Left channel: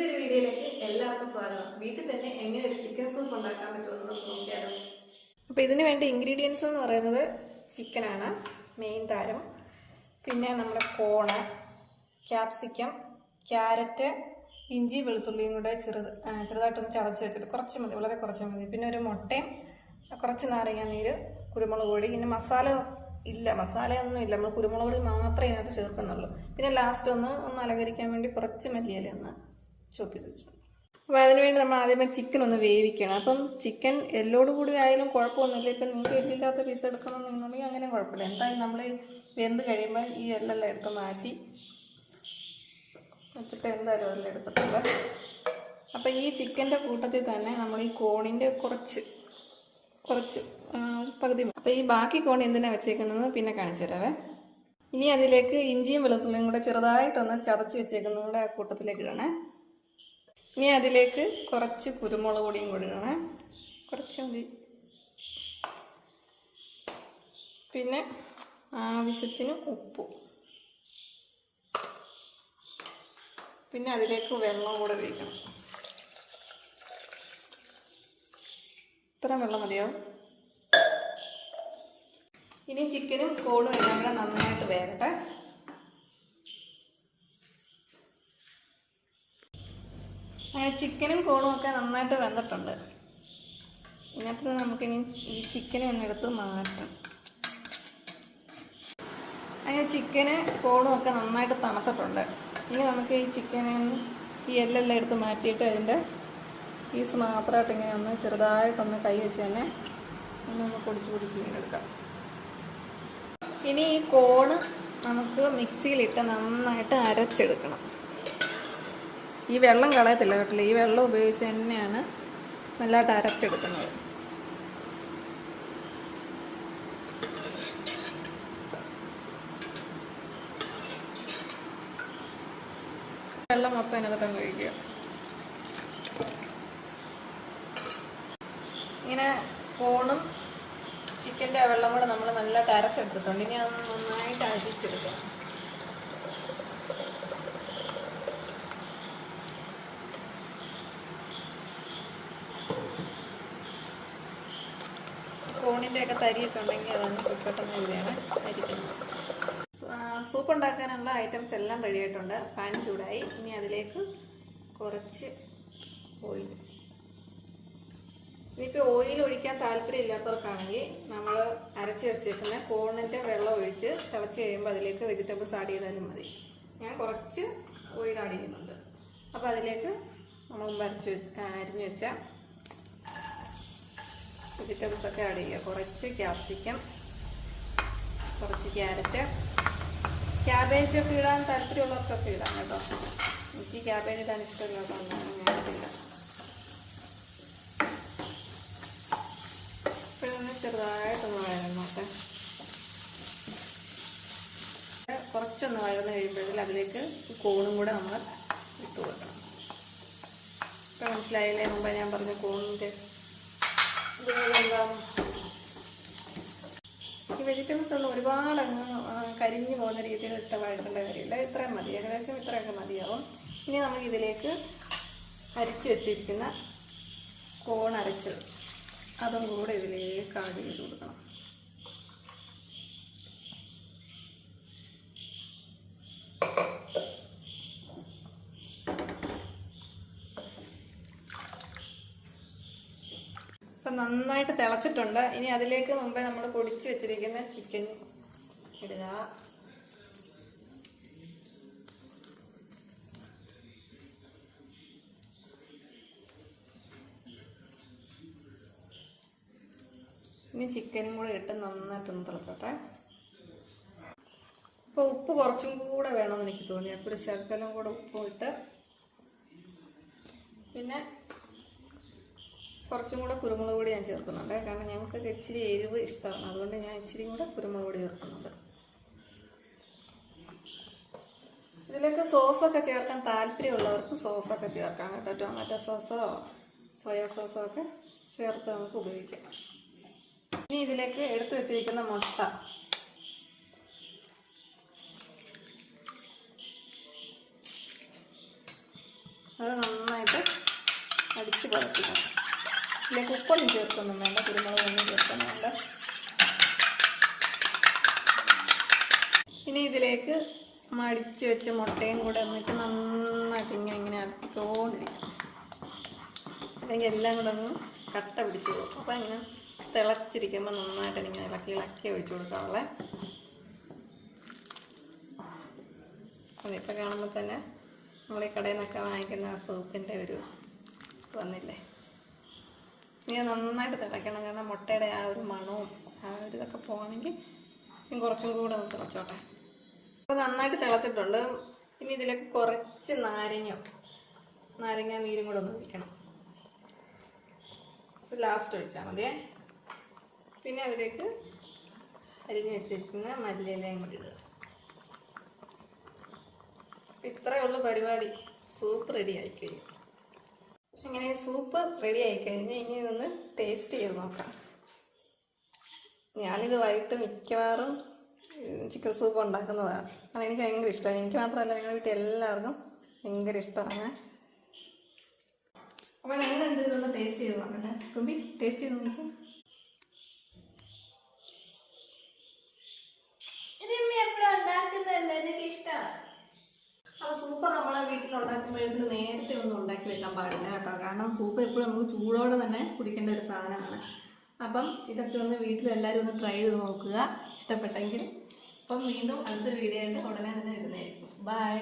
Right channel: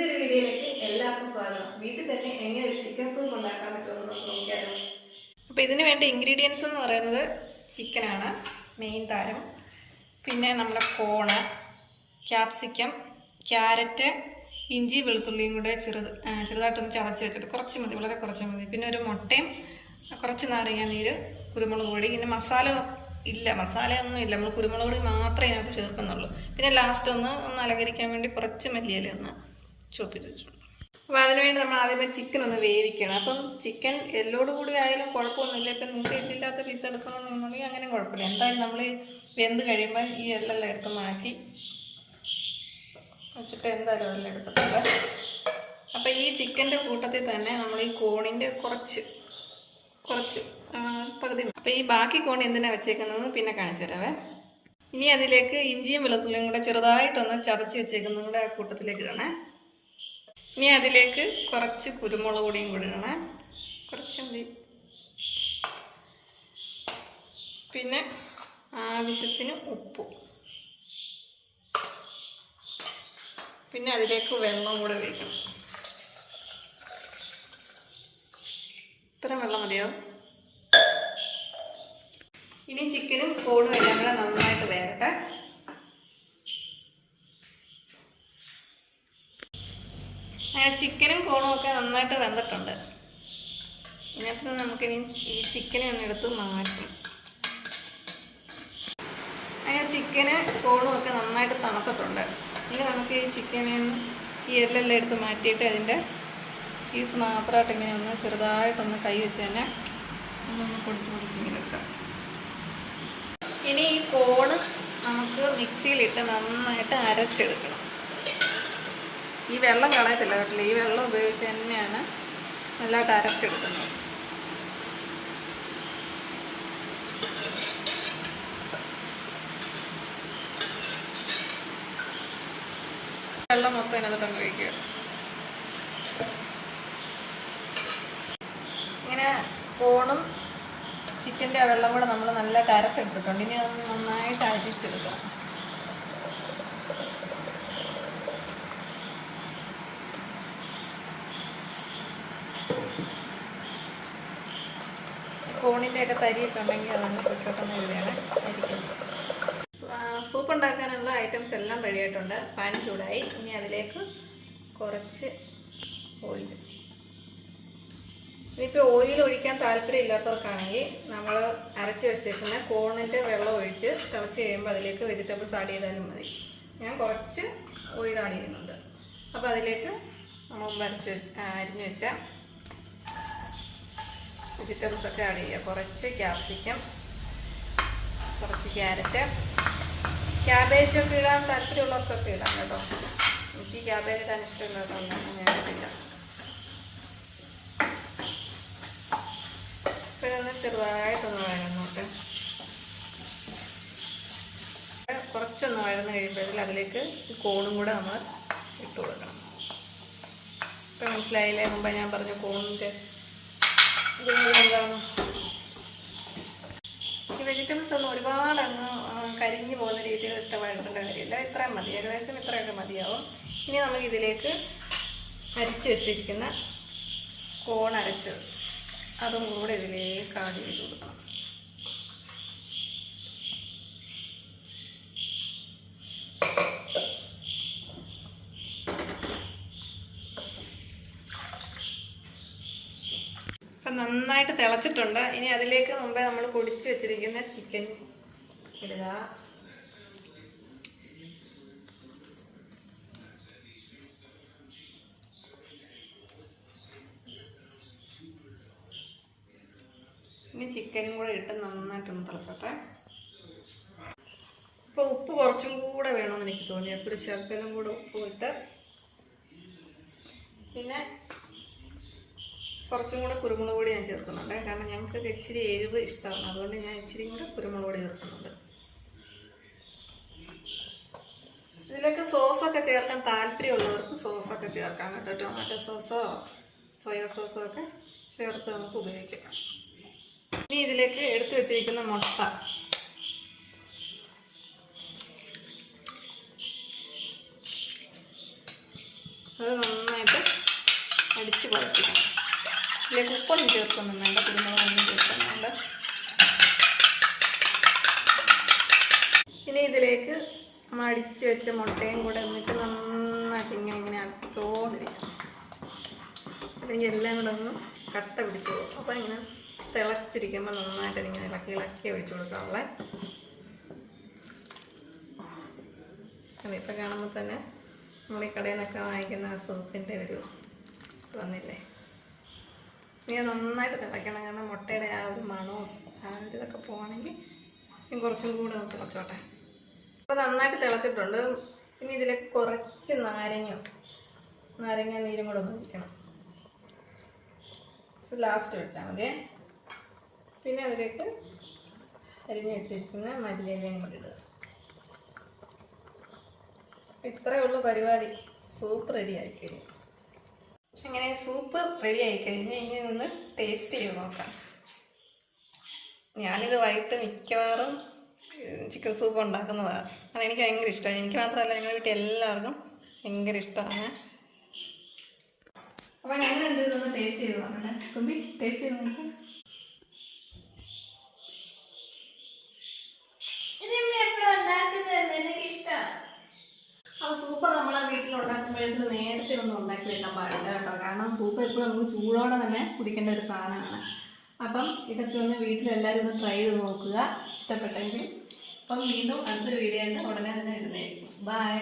പുതിയൊരു വീഡിയോയിലേക്ക് എല്ലാവർക്കും സ്വാഗതം. വീട്ടിൽ തന്നെ എങ്ങനെ ഒരു ചിക്കൻ സൂപ്പ് ഉണ്ടാക്കാൻ പറ്റുമെന്ന് നമുക്ക് നോക്കിയാലോ. അപ്പോൾ ഇതിന് വേണ്ട ഇൻഗ്രീഡിയൻസ് എന്ന് പറയുന്നത് ചിക്കനാണ് മെയിൻ താരം. പിന്നെ നമ്മുടെ കോണ് ക്യാപ്സിക്കം ക്യാരറ്റ് ഇഞ്ചി വെളുത്തുള്ളിയും കൂടെ ചെറുത് ചെറുതായിട്ടൊന്ന് ചതച്ച് വെച്ചിട്ട് കുറച്ച് മതി വളരെ കുറച്ച് മതി. പിന്നെ ഒരു മുട്ടയും കുറച്ച് നാരങ്ങ നീര് കുരുമുളക് പൊടി പിന്നെ മസാല ഇല്ല മസാലയൊന്നും ഇല്ല. നമ്മൾ കുരുമുളക് പൊടി മാത്രമേ അതിനകത്ത് ചേർക്കുന്നുള്ളൂ. പിന്നെ ലാസ്റ്റ് ഒന്ന് ഒന്ന് അലങ്കരിക്കാൻ വേണ്ടി കുറച്ച് മല്ലിയില ഒന്ന് ചോപ്പിച്ച് വെച്ചിട്ടുണ്ട് അപ്പോൾ അതിനുവേണ്ടി നമ്മൾ ആദ്യമേ ചിക്കൻ ഒന്ന് വേവിക്കണം. അപ്പം ചിക്കൻ എല്ലോട് കൂടി ആയാലും കുഴപ്പമൊന്നുമില്ല. ഇപ്പം നിങ്ങൾക്ക് എല്ലില്ലാത്ത പീസ് എടുക്കണമെന്നുണ്ടെങ്കിൽ അങ്ങനെ കുഴപ്പമില്ല. എന്തായാലും നമ്മൾ വെന്ത് കഴിയുമ്പോൾ ഈ എല്ലെല്ലാം എടുത്ത് മാറ്റി വെച്ചിട്ട് എന്തായാലും എല്ലാം എടുക്കത്തില്ല. അപ്പം ഈ ചിക്കന്റെ കൂട്ടത്തിൽ തന്നെ നമ്മൾ ഈ കോണിന്റെ കുറച്ച് കുറച്ച് പകുതി അപ്പോൾ ഈ ബാക്കി കോണി എന്തിനാണ് വെച്ചേക്കുന്നത്? പിന്നെ കാണിച്ചു തരാവേ. ഇനി അതിലേക്ക് ഇഞ്ചിയും വെളുത്തുള്ളിയും കൂടെ ചെറുതായിട്ടൊന്ന് ചതച്ച് വെച്ചേക്കുന്നതും കൂടെ കൂട്ടത്തിലേക്ക് ഇടണേ. ഇനി അതിലേക്ക് കുറച്ച് കുരുമുളക് പൊടിയും കൂടി ഇടണേ. കുറച്ച് മതി. പിന്നെ ആവശ്യത്തിന് ഉപ്പ്. പിന്നെ അതിലേക്ക് വെള്ളം കൂടെ ഒഴിക്കണം. ഇത്രയും വെള്ളം മതിയാവും. ഇനി ചിക്കനും കോണും എല്ലാം കൂടെ നന്നായിട്ട് വേകട്ടെ ചിക്കനും കോണും ഒക്കെ നന്നായിട്ട് വെന്തിട്ടുണ്ട്. ഇതിനകത്ത് നമുക്കിനി ഈ ചിക്കൻ ഒന്ന് എടുത്ത് മാറ്റാം അങ്ങനെ ചിക്കന് കോണും ഒക്കെ നന്നായിട്ട് തണുത്തിട്ടുണ്ട്. ഇനി നമുക്ക് ഈ ചിക്കനെ ഈ എല്ലെല്ലാം എടുത്ത് മാറ്റിയിട്ട് അതിന്റെ പീസ് മാത്രമായിട്ട് ഇങ്ങനെ ഒന്ന് ചെറുതായിട്ടൊന്ന് കൈ വെച്ച് തന്നെ ഒന്നൊന്ന് പൊടിച്ച് പൊടിച്ച് ഇങ്ങനെ എടുക്കാം. ഇനി ഈ കോണ് നമുക്ക് മിക്സിയിലിട്ട് നന്നായിട്ട് അരച്ചെടുക്കണം. ഈ വെള്ളം കളയത്തില്ല കേട്ടില്ല? ഈ വെള്ളം ഉപയോഗിച്ച് തന്നെയാണ് നല്ലതായിട്ട് അരച്ചെടുക്കുന്നത്. വെള്ളം മൊത്തം അതിനകത്ത് ഉപയോഗിക്കുക ഇങ്ങനെ കോണും ചിക്കന്റെ വെള്ളം കൂടെ നമ്മൾ നല്ലതായിട്ട് അരച്ചെടുത്തിട്ടുണ്ട്. ഇനി അത് നന്നായിട്ട് അരിച്ചെടുക്കാം. കോണിന്റെ ഒക്കെ ഉണ്ടെങ്കിൽ അതൊന്ന് പൊയ്ക്കോട്ടെന്ന് എഴുതിയാണ് അരിക്കുന്നത് സൂപ്പ് ഉണ്ടാക്കാനുള്ള ഐറ്റംസ് എല്ലാം റെഡി ആയിട്ടുണ്ട്. പാൻ ചൂടായി. ഇനി അതിലേക്ക് കുറച്ച് ഓയിൽ ഇനിയിപ്പോൾ ഓയിൽ ഒഴിക്കാൻ താല്പര്യം ഇല്ലാത്തവർക്കാണെങ്കിൽ നമ്മൾ അരച്ച് വെച്ചേക്കുന്ന കോണിന്റെ വെള്ളം ഒഴിച്ച് തിളച്ച് കഴിയുമ്പോൾ അതിലേക്ക് വെജിറ്റബിൾസ് ആഡ് ചെയ്താലും മതി. ഞാൻ കുറച്ച് ഓയിൽ ആഡ് ചെയ്യുന്നുണ്ട്. അപ്പോൾ അതിലേക്ക് നമ്മൾ അരച്ച് അരിഞ്ഞ് വെച്ച വെജിറ്റബിൾസ് ഒക്കെ ആഡ് ചെയ്യുക. കുറച്ച് ക്യാപ്സിക്കം കുറച്ച് ക്യാരറ്റ് ക്യാബേജ് ഒക്കെ ഇടാൻ താല്പര്യമുള്ളവർക്കൊക്കെ ഇടാം കേട്ടോ. എനിക്ക് ക്യാബേജ് ഇടാൻ ഇഷ്ടമുള്ളതൊന്നും ഞാൻ ഇടില്ല അപ്പം ഇതൊന്ന് ചെറുതായിട്ടൊന്ന് കുറച്ചൊന്ന് വഴന്ന് കഴിയുമ്പോഴത്തേൽ അതിലേക്ക് കോണും കൂടെ നമ്മൾ ഇട്ട് കൊടുക്കണം. ഇപ്പം മനസ്സിലായില്ലേ? മുമ്പ് ഞാൻ പറഞ്ഞ കോണിന്റെ ഈ വെജിറ്റബിൾസ് ഒന്നും ഒരുപാട് അങ്ങ് കരിഞ്ഞു പോകുന്ന രീതിയിൽ ഇട്ട വഴക്കേണ്ട കാര്യമില്ല ഇത്രയും മതി. ഏകദേശം ഇത്രയൊക്കെ മതിയാവും. ഇനി നമുക്ക് ഇതിലേക്ക് അരിച്ച് വെച്ചിരിക്കുന്ന കോൺ അരച്ചത് അതും കൂടെ ഇതിലേക്ക് ആഡ് ചെയ്ത് കൊടുക്കണം. അപ്പം നന്നായിട്ട് തിളച്ചിട്ടുണ്ട്. ഇനി അതിലേക്ക് മുമ്പേ നമ്മൾ പൊടിച്ച് വെച്ചിരിക്കുന്ന ചിക്കൻ ഇടുക. ഇനി ചിക്കനും കൂടെ ഇട്ട് നന്നായിട്ടൊന്ന് തിളച്ചോട്ടെ. അപ്പോൾ ഉപ്പ് കുറച്ചും കൂടെ വേണമെന്ന് എനിക്ക് തോന്നി. അപ്പോൾ ഒരു ശകലം കൂടെ ഉപ്പ് ഇട്ട് പിന്നെ കുറച്ചും കൂടെ കുരുമുളക് പൊടി ഞാൻ ചേർക്കുന്നുണ്ട്. കാരണം ഞങ്ങൾക്ക് ഇച്ചിരി എരിവ് ഇഷ്ടമാണ്. അതുകൊണ്ട് ഞാൻ ഇച്ചിരി കൂടെ കുരുമുളക് പൊടി ചേർക്കുന്നുണ്ട്. ഇതിലൊക്കെ സോസൊക്കെ ചേർക്കാൻ താല്പര്യമുള്ളവർക്ക് സോസൊക്കെ ചേർക്കാം കേട്ടോ. ടൊമാറ്റോ സോസോ സോയാ സോസോ ഒക്കെ ചേർത്ത് നമുക്ക് ഉപയോഗിക്കാം. ഇനി ഇതിലേക്ക് എടുത്തു വെച്ചിരിക്കുന്ന മുട്ട. അത് നന്നായിട്ട് അടിച്ച് പുറപ്പിക്കണം ഇതിലേക്ക് ഉപ്പൊന്നും ചേർക്കൊന്നും വേണ്ട കുരുമുളകൊന്നും ചേർക്കൊന്നും വേണ്ട. ഇനി ഇതിലേക്ക് മടിച്ചു വെച്ച മുട്ടയും കൂടെ എന്നിട്ട് നന്നായിട്ട് ഇങ്ങനെ ഇങ്ങനെ അടുത്തോണ്ടിരിക്കണം അല്ലെങ്കിൽ എല്ലാം കൂടെ ഒന്ന് കട്ട പിടിച്ചു കൊടുക്കും അപ്പം ഇങ്ങനെ തിളച്ചിരിക്കുമ്പോൾ നന്നായിട്ട് ഇങ്ങനെ ഇളക്കി ഇളക്കി ഒഴിച്ചു കൊടുക്കാവുള്ളേ അതിപ്പോൾ കാണുമ്പോൾ തന്നെ നമ്മൾ ഈ കടയിൽ നിന്നൊക്കെ വാങ്ങിക്കുന്ന ആ സൂപ്പിന്റെ ഒരു വന്നില്ലേ? ഇനി നന്നായിട്ട് തിളയ്ക്കണം. കാരണം മുട്ടയുടെ ആ ഒരു മണവും ആ ഒരു ഇതൊക്കെ പോകണമെങ്കിൽ ഞാൻ കുറച്ചും കൂടെ ഒന്ന് തിളച്ചോട്ടെ. അപ്പോൾ നന്നായിട്ട് തിളച്ചിട്ടുണ്ട്. ഇനി ഇതിലേക്ക് കുറച്ച് നാരങ്ങ നാരങ്ങ നീരും കൂടെ ഒന്ന് ഒഴിക്കണം. ലാസ്റ്റ് ഒഴിച്ചാൽ മതിയേ. പിന്നെ അതിലേക്ക് അരിഞ്ഞ് വെച്ചിരിക്കുന്ന മല്ലിയിലയും കൂടി ഇടുക. ഇത്രയേ ഉള്ളൂ പരിപാടി. സൂപ്പ് റെഡി ആയി കഴിഞ്ഞു അങ്ങനെ സൂപ്പ് റെഡി ആയി കഴിഞ്ഞ് ഇനി ഒന്ന് ടേസ്റ്റ് ചെയ്ത് നോക്കാം. ഞാനിത് വൈകിട്ട് മിക്കവാറും ചിക്കൻ സൂപ്പ് ഉണ്ടാക്കുന്നതാണ് കാരണം എനിക്ക് ഭയങ്കര ഇഷ്ടമാണ് എനിക്ക് മാത്രമല്ല ഞങ്ങളുടെ വീട്ടിൽ എല്ലാവർക്കും ഭയങ്കര ഇഷ്ടമാണ് അപ്പോൾ ഞാൻ ഞങ്ങൾ ഒന്ന് ടേസ്റ്റ് ചെയ്ത് നോക്കട്ടെ കുമ്പി ടേസ്റ്റ് ചെയ്ത് നോക്കാം അപ്പോൾ സൂപ്പ് നമ്മൾ വീട്ടിൽ ഉണ്ടാക്കുമ്പോഴേക്കും ഒന്നും ഉണ്ടാക്കി വെക്കാൻ പാടില്ല കേട്ടോ. കാരണം സൂപ്പ് എപ്പോഴും നമുക്ക് ചൂടോടെ തന്നെ കുടിക്കേണ്ട ഒരു സാധനമാണ്. അപ്പം ഇതൊക്കെ ഒന്ന് വീട്ടിലെല്ലാവരും ഒന്ന് ട്രൈ ചെയ്ത് നോക്കുക. ഇഷ്ടപ്പെട്ടെങ്കിൽ. അപ്പം വീണ്ടും അടുത്തൊരു വീഡിയോ ഉടനെ തന്നെ വരുന്നതായിരിക്കും. ബൈ